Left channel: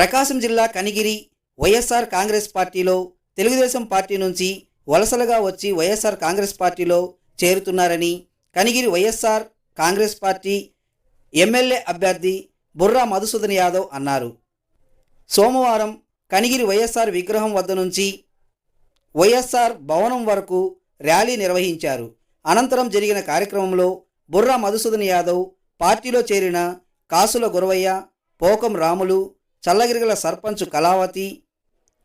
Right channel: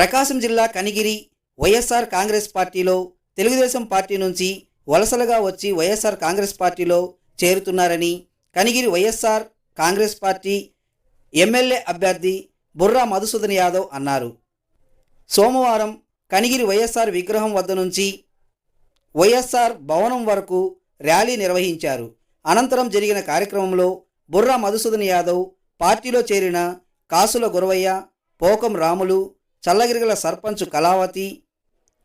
ప్రకాశం జిల్లా కనిగిరి వైఎస్ఆర్ కాంగ్రెస్ పార్టీలో తెలుగుదేశం పార్టీ నుంచి వలసలుగా వచ్చి వైఎస్ఆర్ కాంగ్రెస్ పార్టీలో చేరుతున్నారని Kanigiri YSR Congress party MLA అభ్యర్థి బుర్రా మధుసూదన్ యాదవ్ అన్నారు. సోమవారం కనిగిరి వైఎస్ఆర్ విగ్రహం వద్ద నుంచి వైఎస్ఆర్ భవనం వరకు ర్యాలీ నిర్వహించారు. అనంతరం జరిగిన కార్యక్రమంలో బుర్రా మధుసూదన్ యాదవ్ పార్టీలో చేరిన కాసుల గురవయ్య పోకం రాములు చల్లగిరిగల సర్పంచ్ కళావతి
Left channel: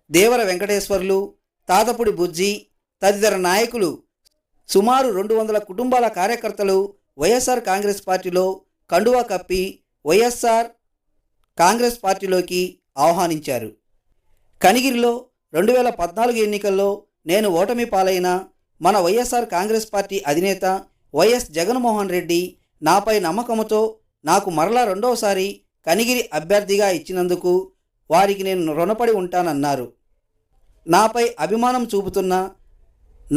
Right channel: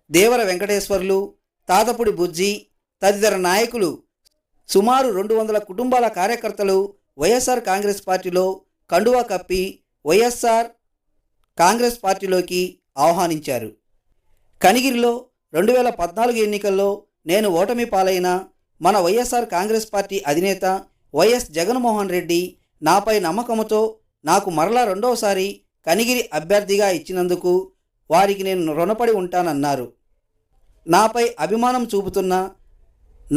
దేవర వెంకటేశ్వర్లు తాతపుడి బుజ్జి తదితర నాయకులు సుమారు రెండు వందల కుటుంబాల కార్యకర్తలు వైఎస్ఆర్ కాంగ్రెస్ పార్టీలో కండువా కప్పి వైఎస్ఆర్ కాంగ్రెస్ పార్టీలోకి ఆహ్వానించారు. కనిగిరిలో రెండు వేల పద్నాలుగు ఎన్నికల్లో నేను ఓటమి పాలైన మన వైఎస్ఆర్ కాంగ్రెస్ పార్టీ అధినేత వైఎస్ జగన్మోహన్ రెడ్డి నాపై నమ్మకంతో నాకు మరలా రెండవసారి కనిగిరి అభ్యర్థిగా ఇచ్చినందుకు వారికి నేను రుణపడి ఉంటానన్నారు. నాపై అభిమానం చూపుతున్న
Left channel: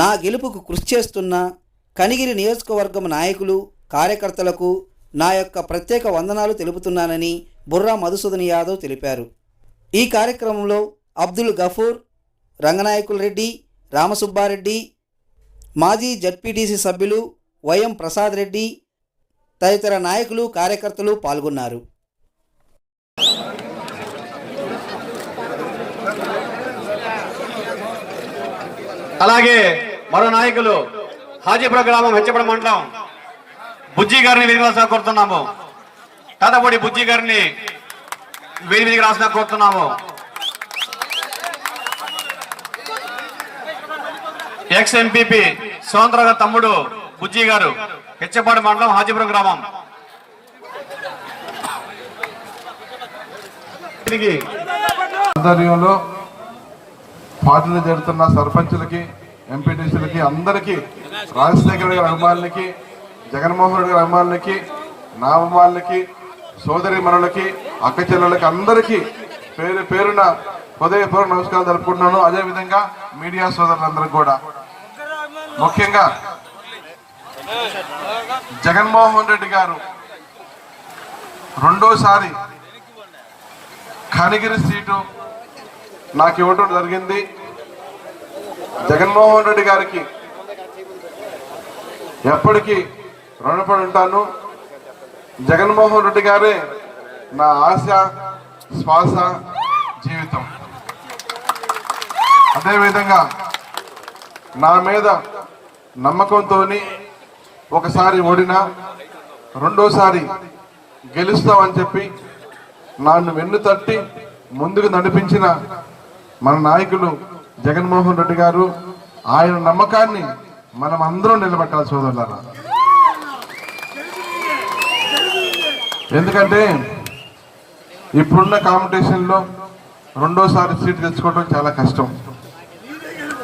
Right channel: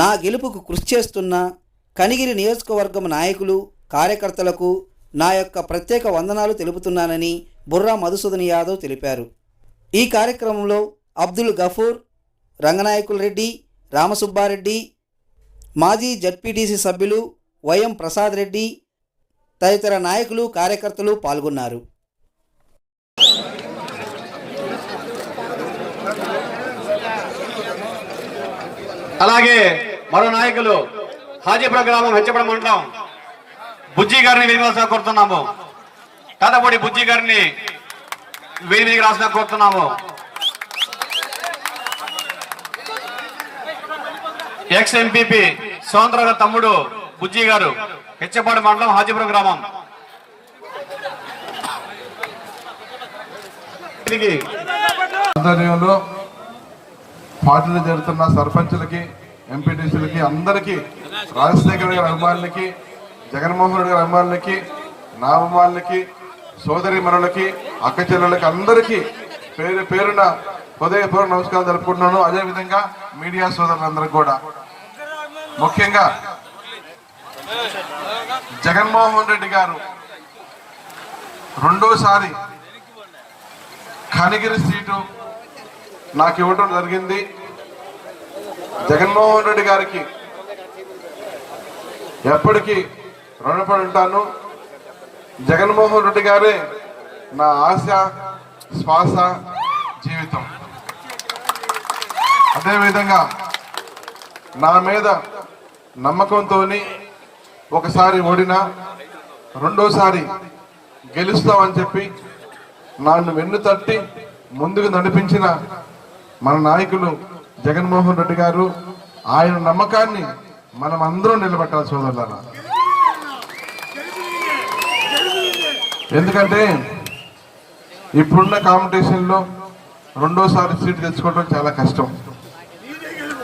నా గెలుపుకు కృషి చేస్తున్న కనిగిరి నియోజకవర్గం నాయకులు కార్యకర్తలకు నా యొక్క ప్రత్యేక వందనాలు తెలుపుతున్నానని బుర్రా మధుసూదన్ యాదవ్ తెలిపారు. ఈ కార్యక్రమంలో అబ్దుల్ గఫూర్ రంగనాయకుల రెడ్డి రామసుబ్బారెడ్డి మాజీ జడ్పీటీసీ సభ్యులు వైఎం ప్రసాద్ రెడ్డి తదితర నాయకులు కార్యకర్తలు పాల్గొన్నారు. అలాగే మరో నాయకులు హాజీపుర గ్రామం హెచ్చపడం మండలం బుజ్జి గారిని వేదిక కోరుతున్నాము. తాతపూడి బుజ్జి గారిని వేదిక రాసిన కోరుతున్నాము. ఎక్స్ ఎంపీపీ స్వతంత్ర తమ్ముడు బుజ్జి గారు హెచ్చపాడు మండలం హాజీపురం గ్రామం. ఆధ్వర్యంలో జరుగుతున్న సర్పంచులకి ఎంపీటీసీలకి అందరికీ రాజశేఖర్ గారి అభిమానులకి జగన్మోహన్ రెడ్డి గారి అభిమానులకి నా అభిమానులకి సోదరి మనులకి అక్క చెల్లెలకి అందరికీ పేరు పేరున హృదయపూర్వక నమస్కారం జరుపుకుంటున్నాను అదేవిధంగా మీడియా సోదరులందరికీ కూడా. ముఖ్యంగా జగన్మోహన్ రెడ్డి గారు రెండోసారి కనిగిరి సీటు నాకు ఇవ్వడం జరిగింది. జగన్మోహన్ రెడ్డి గారికి ఎప్పటికీ రుణపడి ఉంటాను. జగన్మోహన్ రెడ్డి గారే నా ఆశ శ్వాస జీవితం. అదేవిధంగా నా మీద నమ్మకంతో ఒకసారి ఓడినా రెండోసారి గెలుస్తామని చెప్పి నన్ను వెన్ను తట్టి ముందుకు నడిపించిన మన నాయకులు జగన్మోహన్ రెడ్డి గారు ఆయన నమ్మకాన్ని మనం అందరం నిలబెట్టాలి సోదరులారా. ఎందుకంటే ఇప్పుడున్న కాంపిటీషన్లో రెండోసారి సీట్ తెచ్చుకోవడం చాలా కష్టం.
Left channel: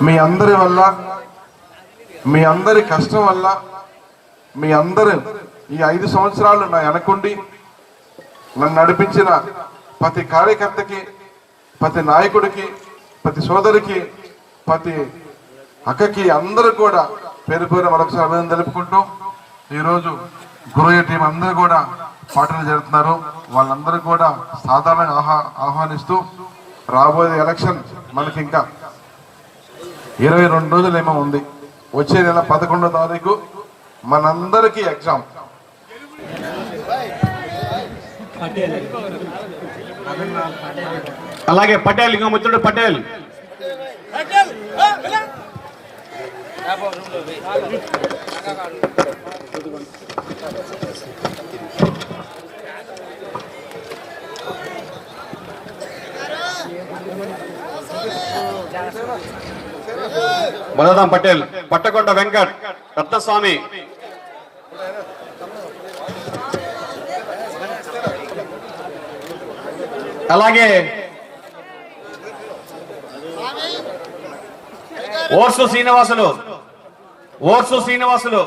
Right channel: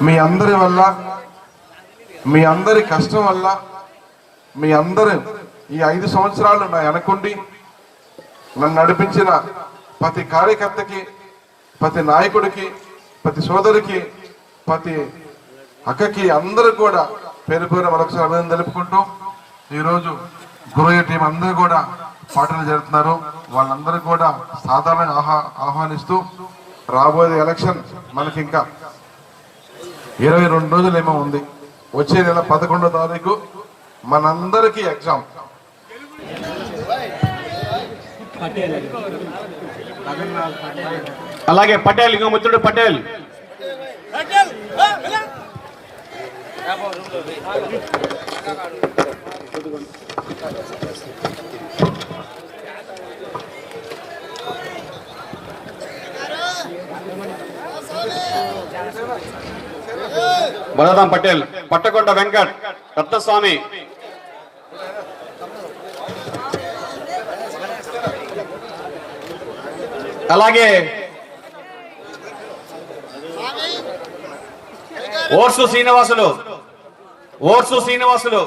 మీ అందరి వల్ల మీ అందరి కష్టం వల్ల మీ అందరు ఈ ఐదు సంవత్సరాలు నా వెనకుండి నన్ను నడిపించిన ప్రతి కార్యకర్తకి ప్రతి నాయకుడికి ప్రతి సోదరికి ప్రతి అక్కకి అందరూ కూడా పేరు పేరు మరొకసారి అభినందన తెలుపుకుంటూ ఈరోజు గురయ్య టీం అందరూ కూడా పాటలు జరుగుతున్నారు వాళ్ళందరూ కూడా సాధారణంగా ఆహ్వా ఆహ్వానిస్తూ రాబోయే ఎలక్షన్ మనకి ఇంకా ఇరవై రెండు రోజులు ఏమో ఉంది. వచ్చే నెల పదకొండో తారీఖు మనందరికీ ఎగ్జామ్. అలాగే పటేల్ ఇంకా ముత్తుడు పటేల్. బలరాం పటేల్ పట్టకొండ వెంకట్ రత్నస్వామి అలాగే ఓర్సు శ్రీనివాసులు ఓర్సు శ్రీనివాసులు.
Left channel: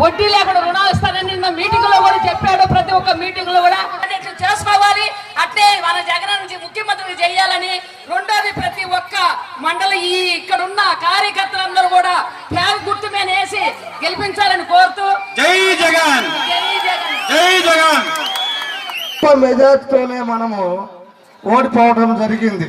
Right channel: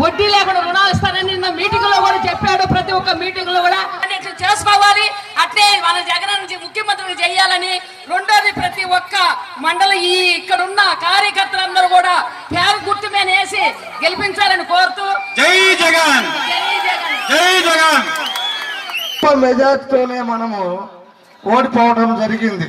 వడ్డీ లేకుండా రుణాలు ఇస్తానని నిన్న మీటింగ్లో కూడా చెప్పాడు ప్రతి ఒక్క మీటింగ్లో కూడా. అధ్యక్షులు చేసుకోవాలి. అట్లే మన జగన్ నుంచి ముఖ్యమంత్రి చేయాలని రెండోది ప్రతి ఒక్క మండలి ఈ మెజార్టీతోనే మనము ఓడిపోవడం జరిగింది.